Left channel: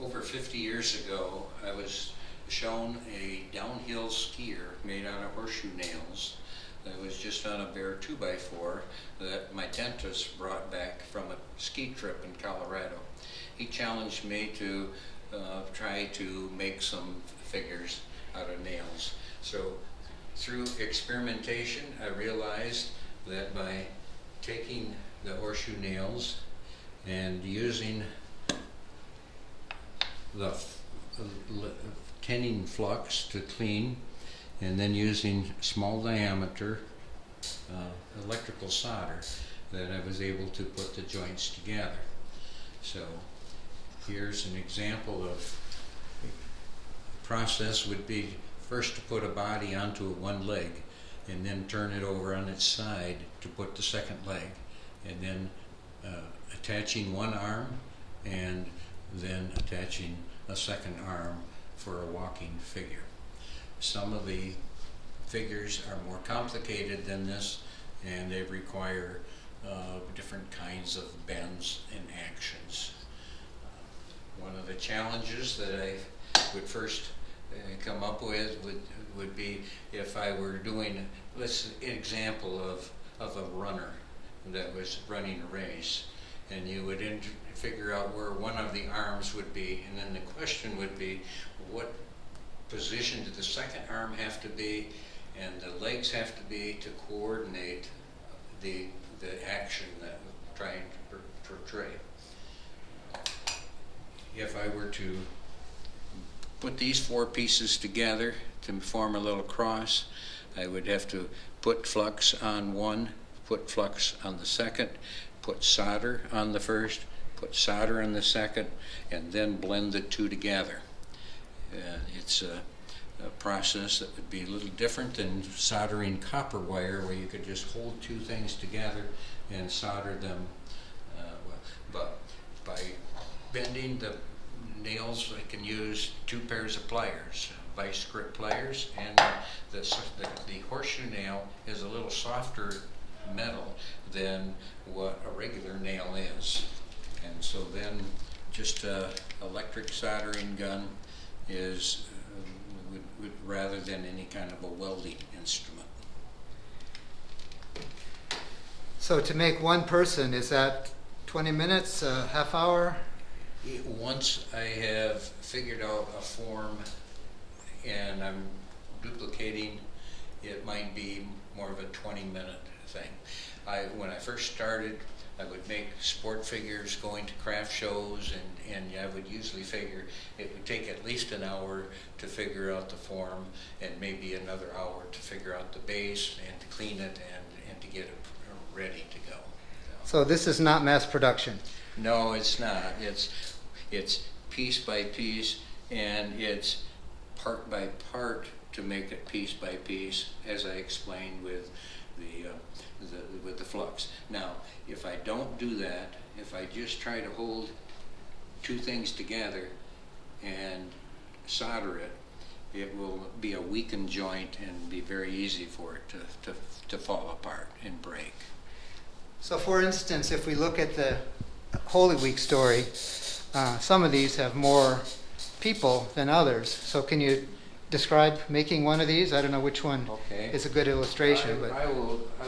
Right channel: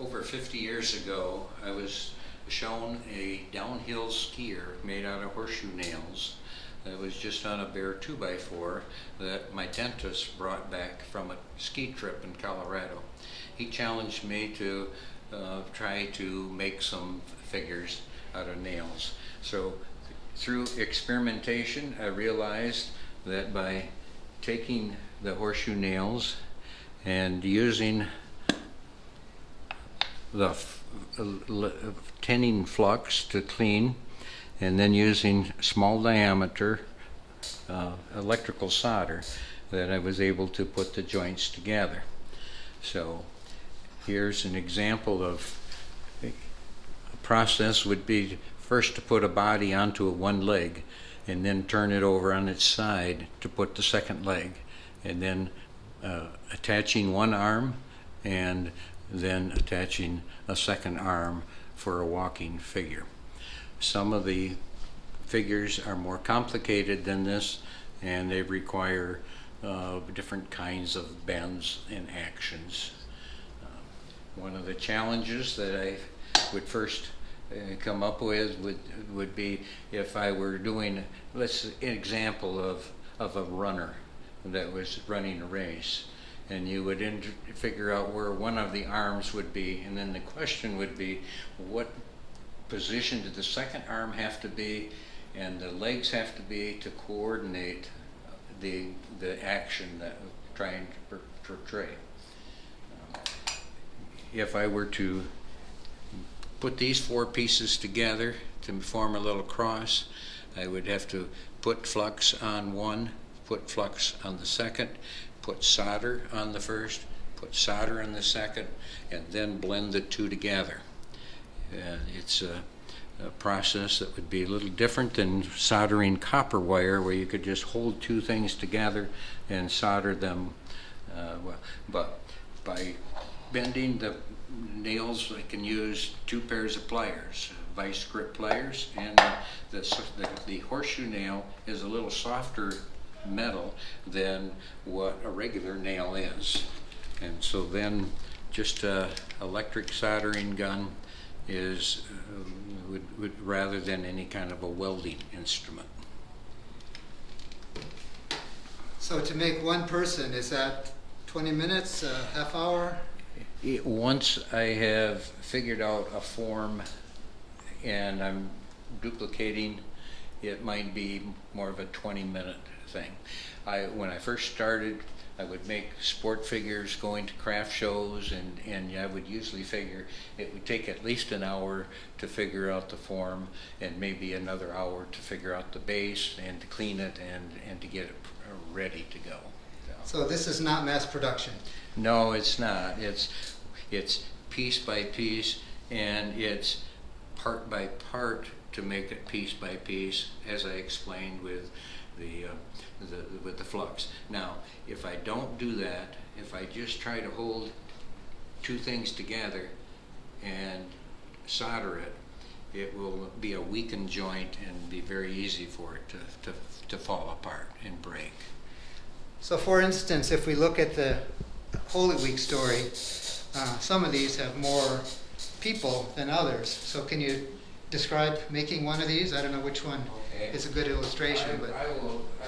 Over 50 years ago, I was shown a downhill skier made out of horseshoe nails that was just on a bare 2x4 that my dentist brought back from a ski trip in Colorado. He challenged me to try to make some figures out of nails. So through experimentation, I realized that by taking the horseshoe nails and using the tinning flux to clean, and then using small diameter electrical solder, that I was able to put the joints together. So here's an example of the process. Would be first to put a body onto one leg and then turn it over on its side to put the second leg, and then attaching one arm and then attaching a second arm for a walking figure. Some of the figures are more complicated than this, and they require different kinds of bends and actions. One of the challenges that I would first come up with would be if I were doing, let's an example of a runner that was running a race, and you would figure out where one of the arms would be, and then the question would be, what position did the second arm have to be and the legs have to be to coordinate the action that we're trying to portray. If I were to put these four pieces together to form a little cross, I would have to put flux on one, put flux on the second, put solder on the first, put solder on the second, and then blend the two together. It's a process that would be a little different than soldering copper wire, where you could just hold two things together and solder them. But by bending the nails, I can use two pairs of pliers, vice grip pliers, and the horseshoe nail is a little softer metal than what a regular nail is. And so then just a electric soldering gun is would rather than any kind of a welding instrument. So to make one person, is that 20 minutes, a half hour? Once I have figured out a form and I'm duplicating, it might be more of a 20-minute thing. When I first started, I would make sport figures going to craft shows, and I would usually figure it would take at least an hour to figure out the form, and maybe another hour to figure out the base and to clean it and to get it ready to go. So this is not mass production? No, it's not. It's piece by piece, and it's part by part to make it piece by piece, as I explained with the flux. Now, if I don't do that, if I just try to hold two things together and solder it, it will be a weakened joint and be very easy for it to fall apart and break. So for instance, if we look at the Holy Week story, some of these have more people than others. So can you describe making one of these? I don't know which one is a good illustration. I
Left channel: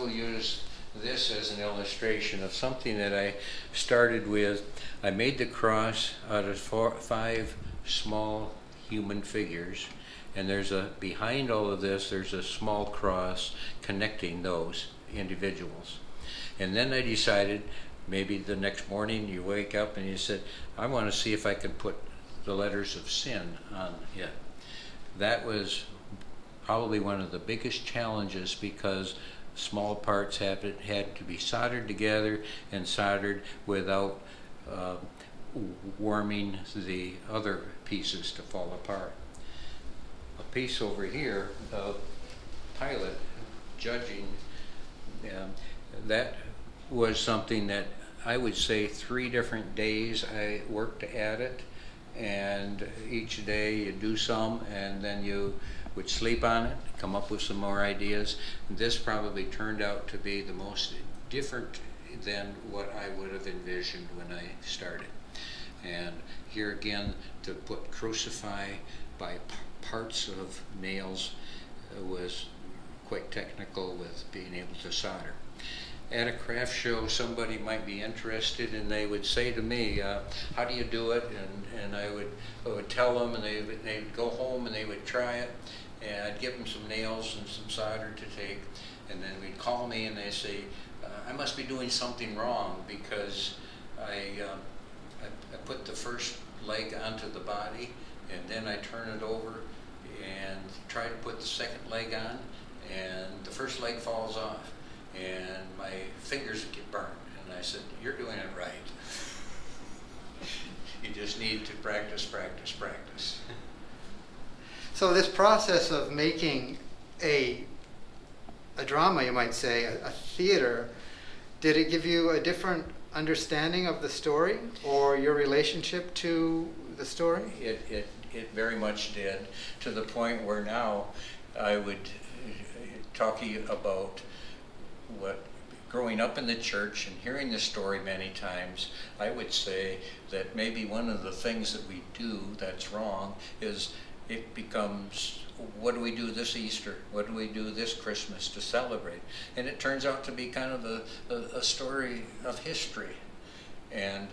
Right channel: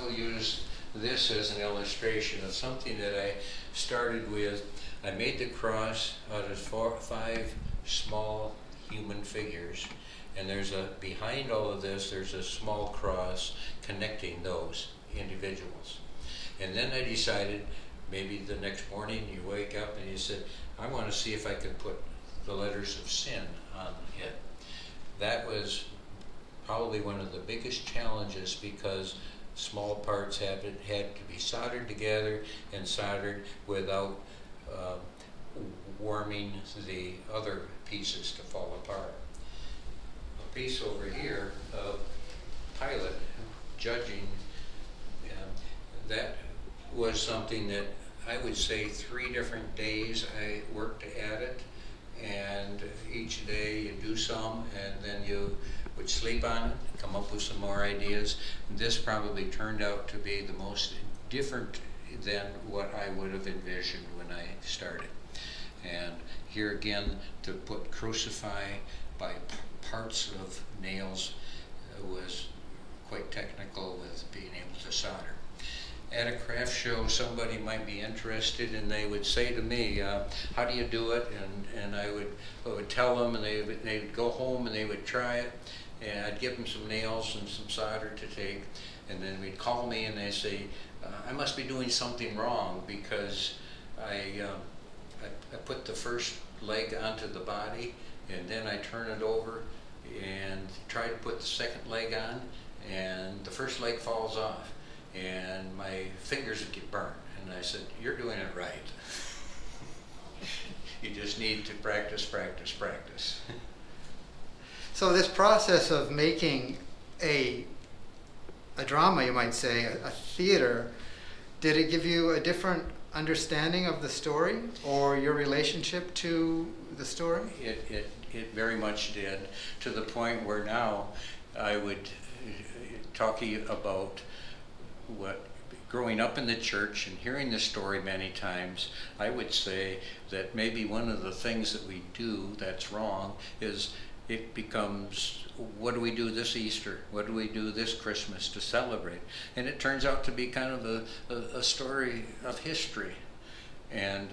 will use this as an illustration of something that I started with. I made the cross out of 5 small human figures, and behind all of this there's a small cross connecting those individuals. And then I decided, maybe the next morning you wake up and you said, I want to see if I can put the letters of sin on it. That was probably one of the biggest challenges, because small parts had to be soldered together and soldered without warming the other pieces to fall apart. A piece over here of Pilate judging, that was something that I would say 3 different days I worked at it, and each day you do some and then you would sleep on it, come up with some more ideas. This probably turned out to be the most different than what I would have envisioned when I started. And here again, to put crucify by parts of nails was quite technical with being able to solder. At a craft show, somebody might be interested, and they would say to me, how do you do it? And I would tell them, and they would go home and they would try it, and I'd give them some nails and some solder to take, and then we'd call me and they'd say, I must be doing something wrong, because I put the first leg onto the body, and then I turn it over and try to put the second leg on, and the first leg falls off, and my fingers would get burned. And I said, you're doing it right. You just need to practice, practice, practice. So this process of making a drama, you might say, a theater, did it give you a different understanding of the story or your relationship to the story? It very much did, to the point where now I would talk to you about what, growing up in the church and hearing the story many times, I would say that maybe one of the things that we do that's wrong is it becomes, what do we do this Easter? What do we do this Christmas to celebrate? And it turns out to be kind of a story of history. And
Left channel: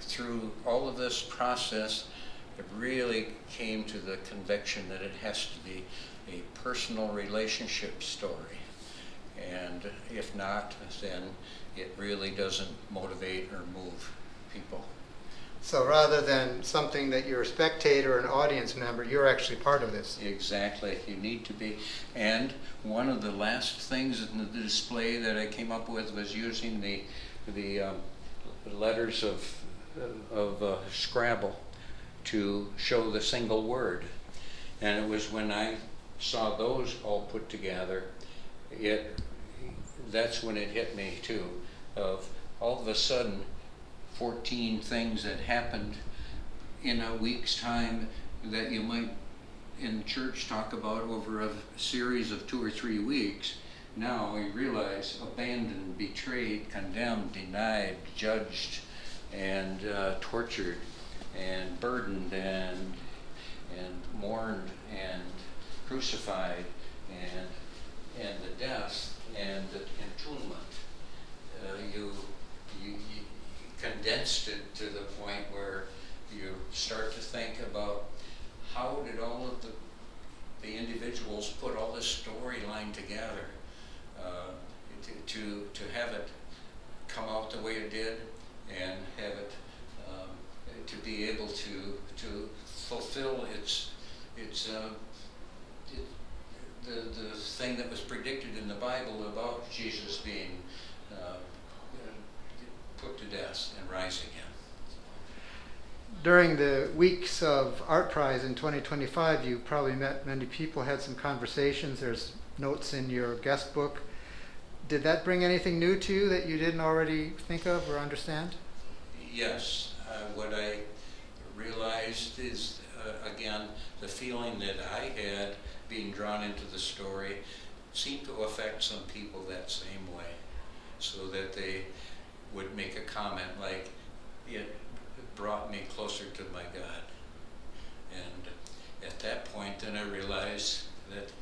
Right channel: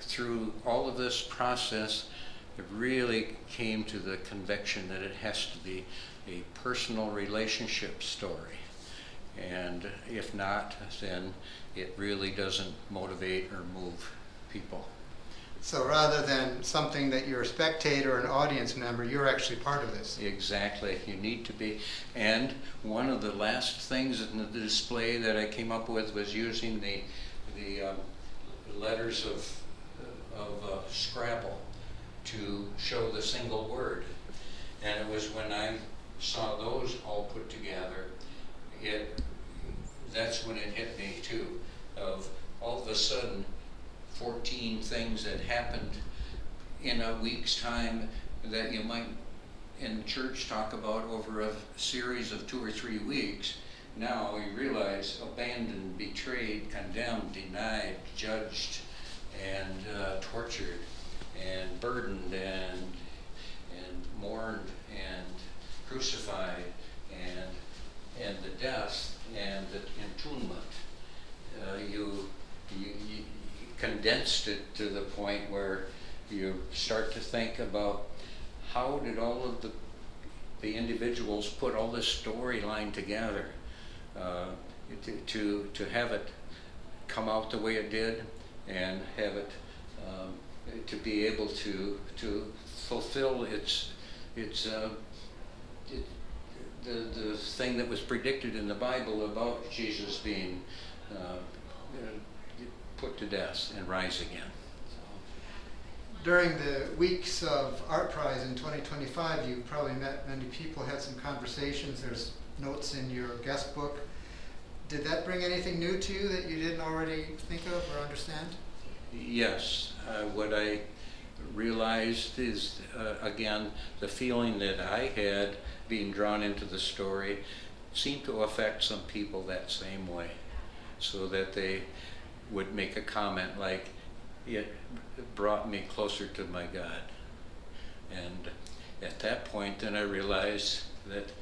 through all of this process, it really came to the conviction that it has to be a personal relationship story. And if not, then it really doesn't motivate or move people. So rather than something that you're a spectator or an audience member, you're actually part of this. Exactly, you need to be. And one of the last things in the display that I came up with was using the letters of Scrabble to show the single word. And it was when I saw those all put together, that's when it hit me too, of all of a sudden 14 things that happened in a week's time that you might in church talk about over a series of 2 or 3 weeks. Now you realize abandoned, betrayed, condemned, denied, judged, and tortured, and burdened, and mourned, and crucified, and the death, and the entombment. You condensed it to the point where you start to think about how did all of the individuals put all this storyline together to have it come out the way it did, and have it to be able to fulfill the thing that was predicted in the Bible about Jesus being put to death and rise again. During the weeks of Art Prize in 2025, you probably met many people, had some conversations. There's notes in your guest book. Did that bring anything new to you that you didn't already think of or understand? Yes. What I realized is, again, the feeling that I had being drawn into the story seemed to affect some people that same way, so that they would make a comment like, it brought me closer to my God. And at that point, then I realized that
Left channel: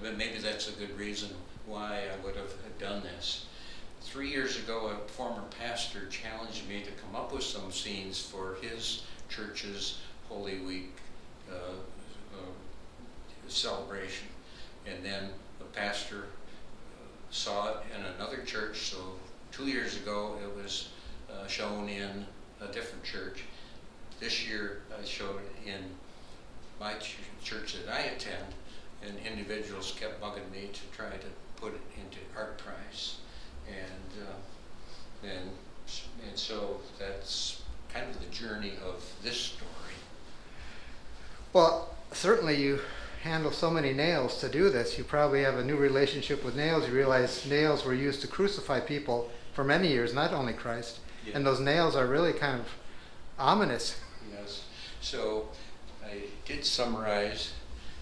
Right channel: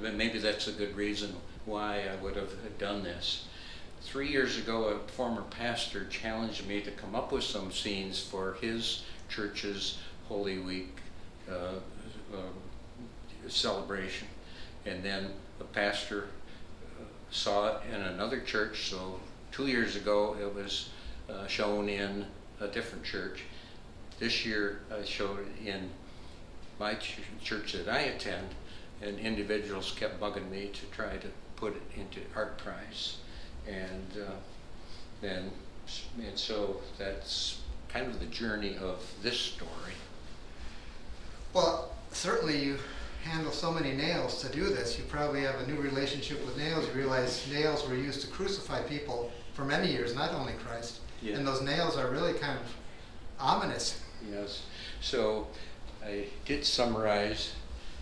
maybe that's a good reason why I would have done this. 3 years ago, a former pastor challenged me to come up with some scenes for his church's Holy Week celebration. And then the pastor saw it in another church, so 2 years ago it was shown in a different church. This year I showed it in my church that I attend, and individuals kept bugging me to try to put it into Art Prize. And so that's kind of the journey of this story. Well, certainly you handle so many nails to do this. You probably have a new relationship with nails. You realize nails were used to crucify people for many years, not only Christ. Yeah. And those nails are really kind of ominous. Yes. So I did summarize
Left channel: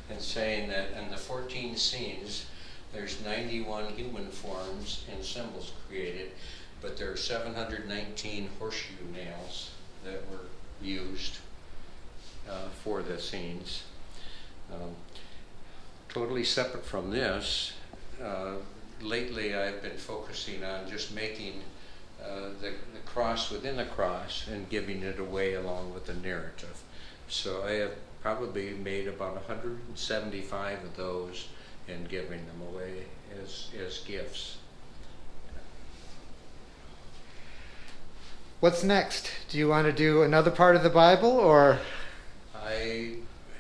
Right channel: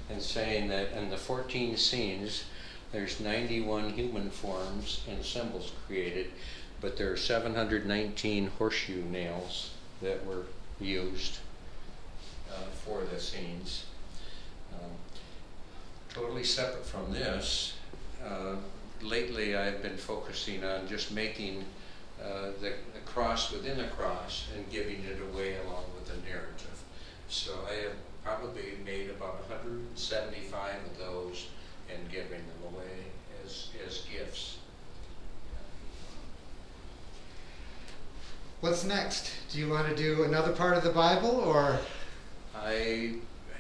in saying that in the 14 scenes, there's 91 human forms and symbols created, but there are 719 horseshoe nails that were used. for the scenes. Um, Totally separate from this, lately I've been focusing on just making the cross within the cross and giving it away along with the narrative. So I have probably made about 175 of those and giving them away as gifts. What's next? Do you want to do another part of the Bible, or? I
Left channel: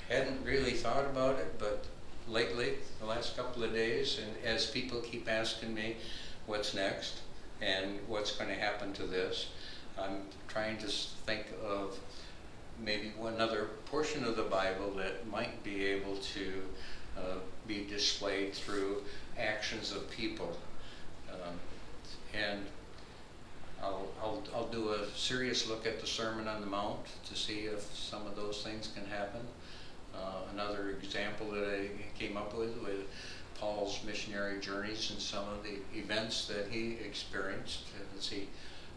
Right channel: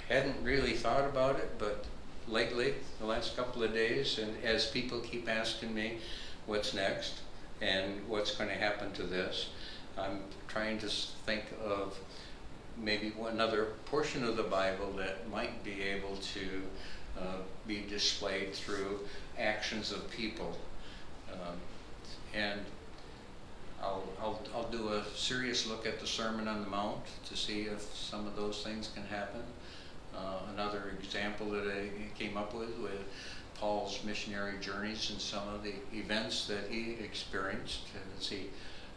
hadn't really thought about it, but lately, the last couple of days, and as people keep asking me what's next and what's going to happen to this, I'm trying to think of maybe another portion of the Bible that might be able to be displayed through actions of people. And I'll do a serious look at the Sermon on the Mount to see if some of those things can happen. Another example that I came up with Paul's missionary journeys and some of the events that he experienced as he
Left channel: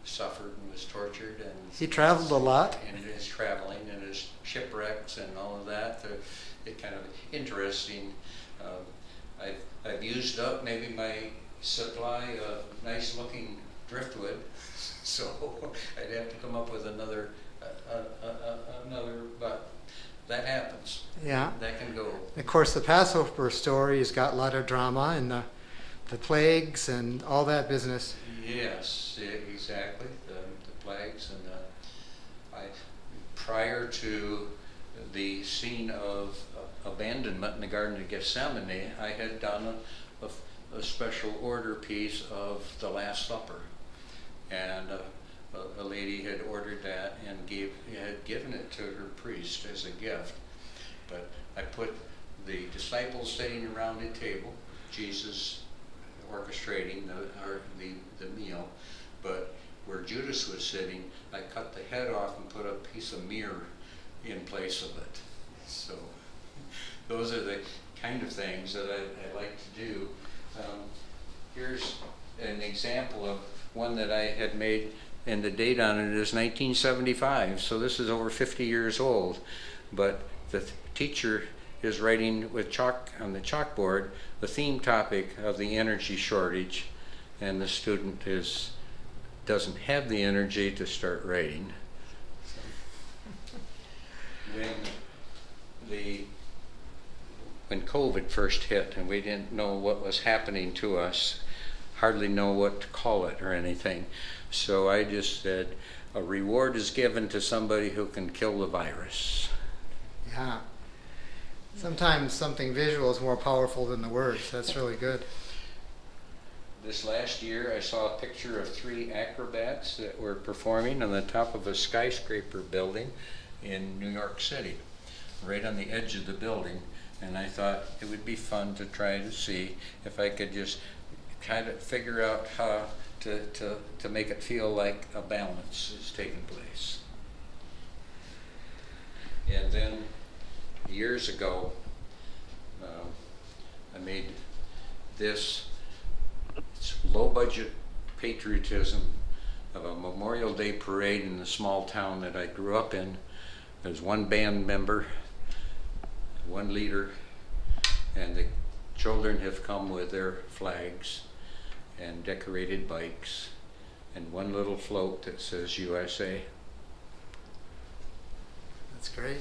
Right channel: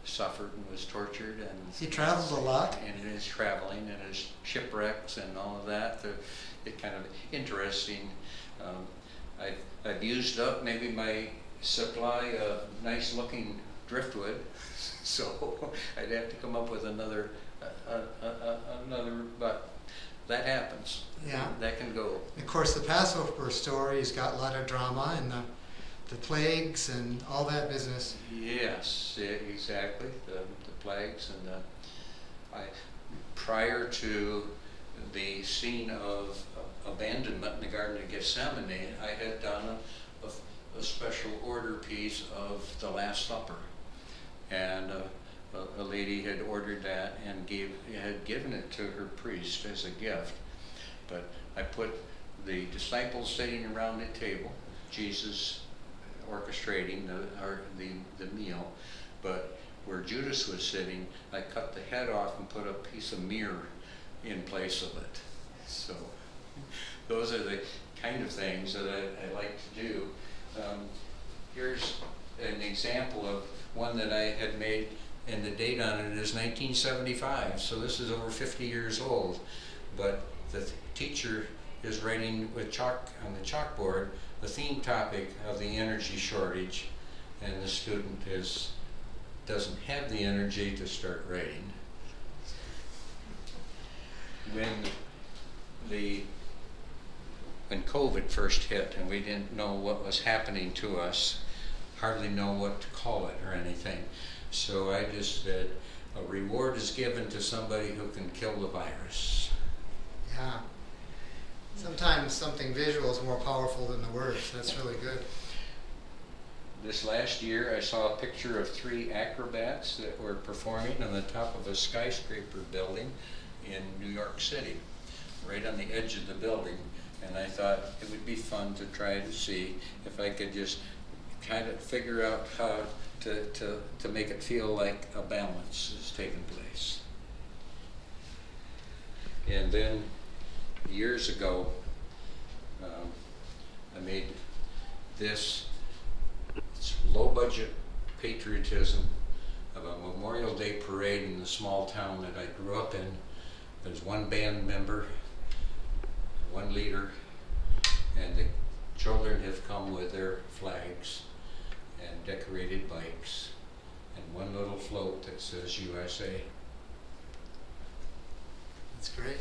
suffered and was tortured. And he traveled a lot. And his traveling and his shipwrecks and all of that. It's kind of interesting. I've used up maybe my supply of nice looking driftwood, so I'd have to come up with another, but that happens. Yeah. That can go. Of course, the Passover story has got a lot of drama and the plagues and all that business. Yes, exactly. The plagues and prior to the scene of abandonment in the Garden of Gethsemane, I had done a special order piece of the Last Supper, and a lady had ordered that and had given it to her priest as a gift. But I put the disciples sitting around the table, Jesus orchestrating the meal, but where Judas was sitting, I cut the head off and put a piece of mirror in place of it. So those are the kind of things that I like to do. Here's an example of one that I had made, and the date on it is 1975, so this is over 50 years old. But the teacher is writing with chalk on the chalkboard the theme topic of the energy shortage, and the student doesn't have the energy to start writing. When COVID first hit and we didn't know what was happening to us, hardly know what to call it or anything, so I just said, a reward is given to somebody who can kill the virus. Yeah. Sometimes something visual is more powerful than the words. That's really good. This last year I saw a picture of 3 acrobats that were performing on the top of a skyscraper building in New York City, right on the edge of the building, and I thought it would be fun to try to see if I could just kind of figure out how to make it feel like a balance is taking place. And then years ago, I made this low-budget patriotism of a Memorial Day parade in the small town that I grew up in. There's one band member, one leader, and the children have come with their flags and decorated bikes and one little float that says USA. That's great.